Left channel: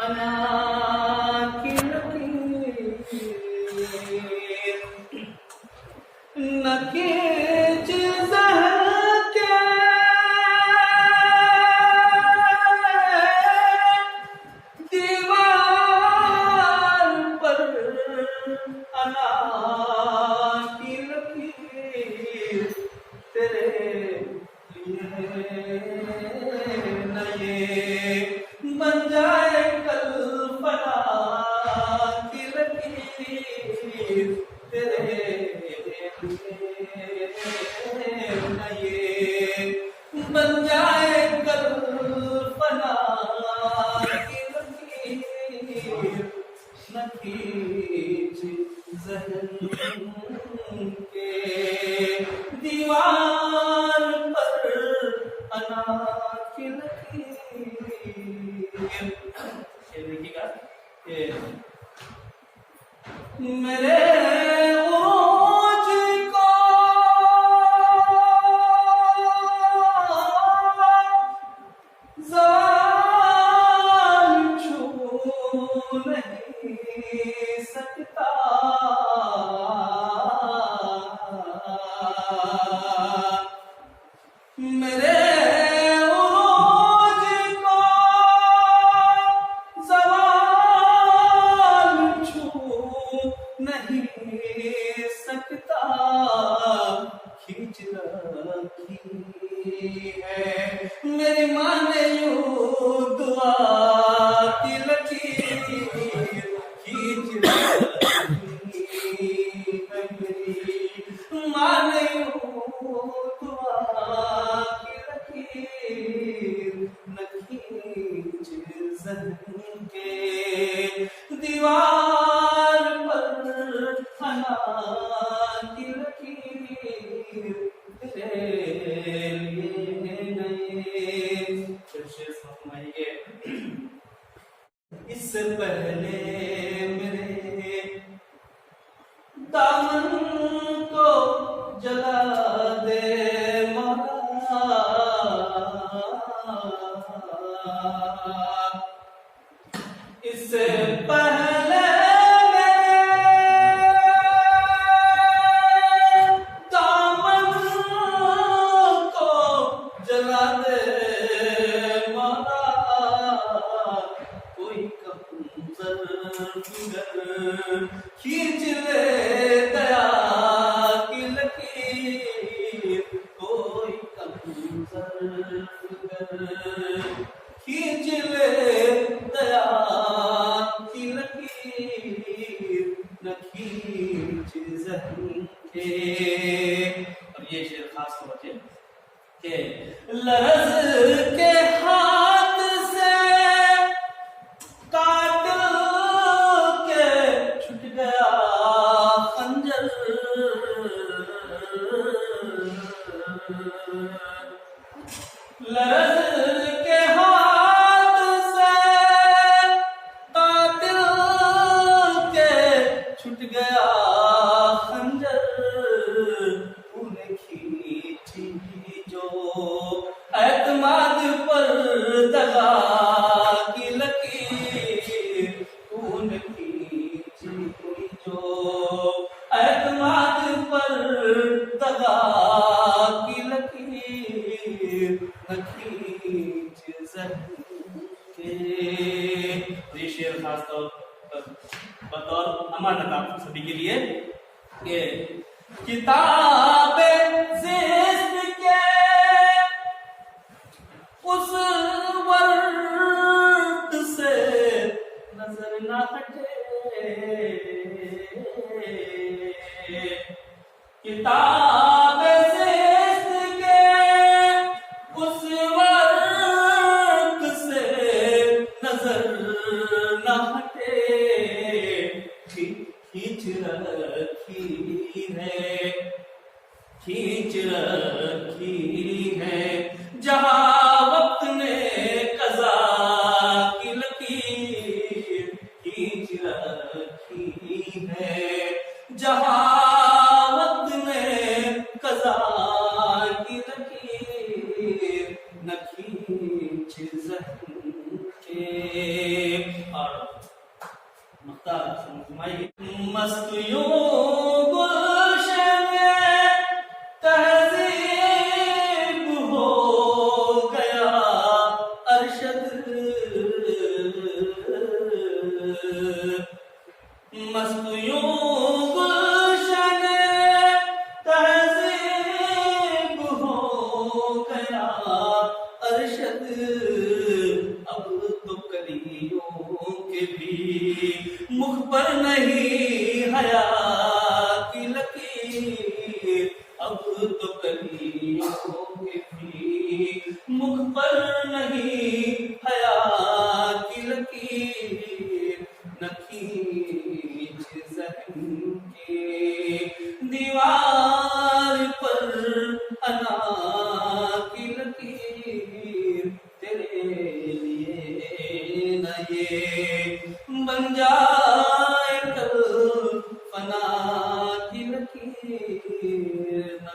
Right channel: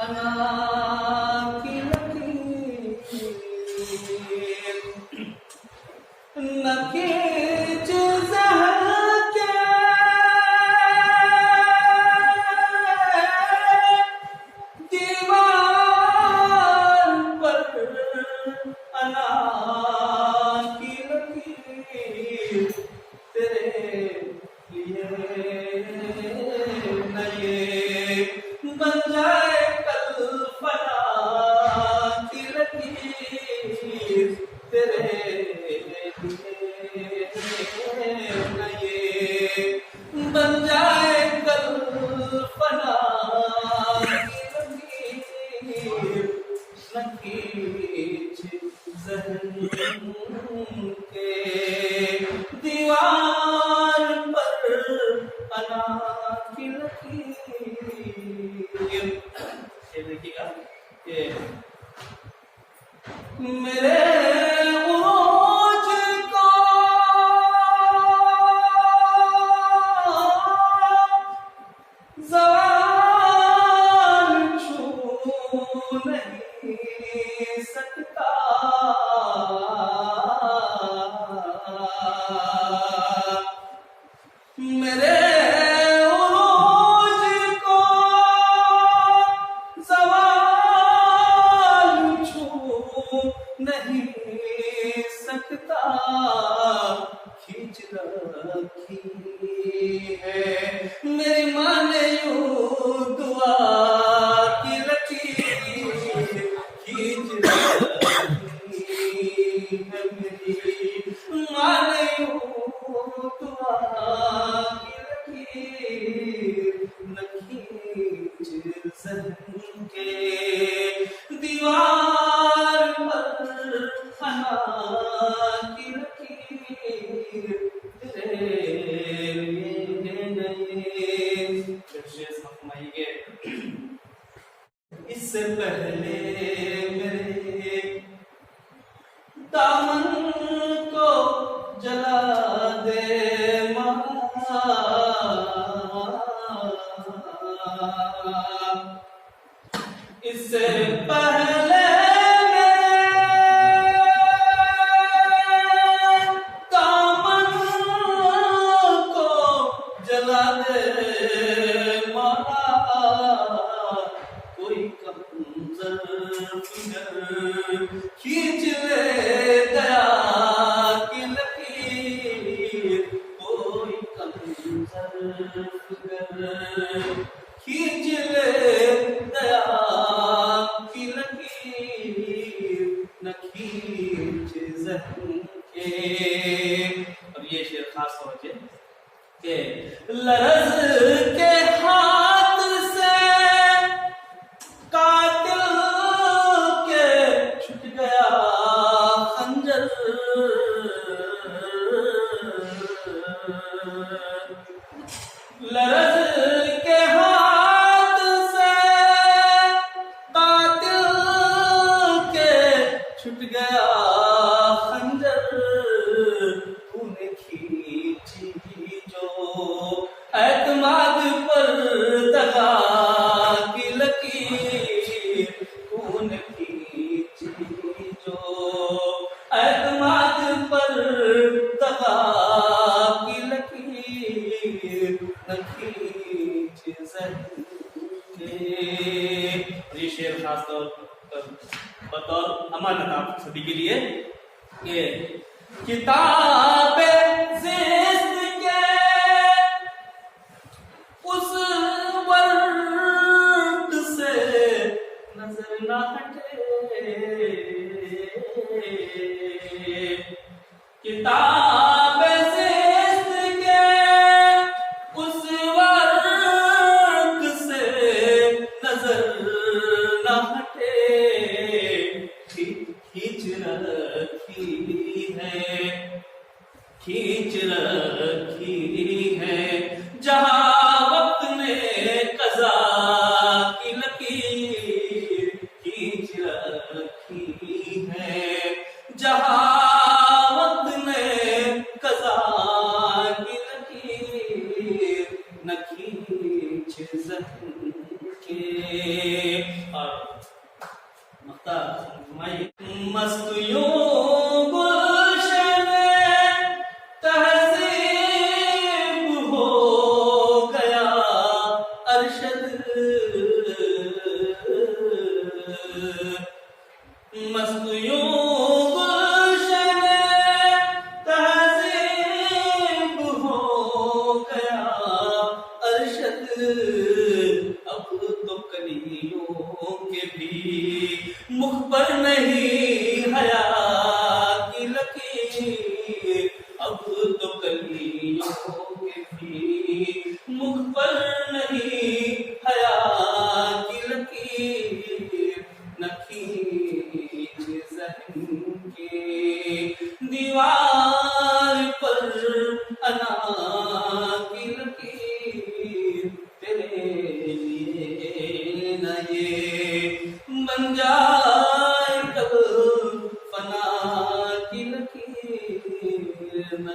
अना की लकीर न खींच ज़हर के दीवार पर अना की लकीर तेरे लिए न ये बन जाए कल फना की लकीर तेरे लिए न ये बन जाए कल फना की लकीर न खींच ज़हन के दीवार पर अना की लकीर। ये देखिएगा ये मेरे उरूज को ज़वाल छू नहीं सकता मेरे उरूज को ज़वाल छू नहीं सकता खींच रखी है मेरी माँ ने यूं दुआ की लकीर खींच रखी है मेरी माँ ने यूं दुआ की लकीर न खींच ज़हन के दीवार पर अना की लकीर तेरे लिए नहीं। जब शेर फरमाएंगे इससे पहले मेरे दामन को जला दे माँ इससे पहले जला दे माला कोई कमजर खींच ले दया की लकीर कोई कमजर खींच ले दया की लकीर न खींच ज़हन के। और ये शेर खास तौर पे के लरज़ के हाथ से कातिल के छूट गया खंजर लरज़ के हाथ से कातिल के छूट गया खंजर तूने खींची जो एतमाद पर दगा की लकीर तूने खींची जो एतमाद पर दगा की लकीर न खींच ज़हन के। ये शेर खास तौर पर बतौर अमानत आप सभी के लिए कि किताबे ज़िस्त के उस वर्द से नजर न हटे किताबे ज़िस्त के उस वर्द से नजर न हटे खींच रखी है खींच रखी آنکھوں کے بھی مکھ پر نہیں حیا کی لکیر، نہ کھینچ ذہن کی دیوار پر انا کی لکیر، تیرے لیے نہ یہ بن جائے کل فنا کی لکیر، نہ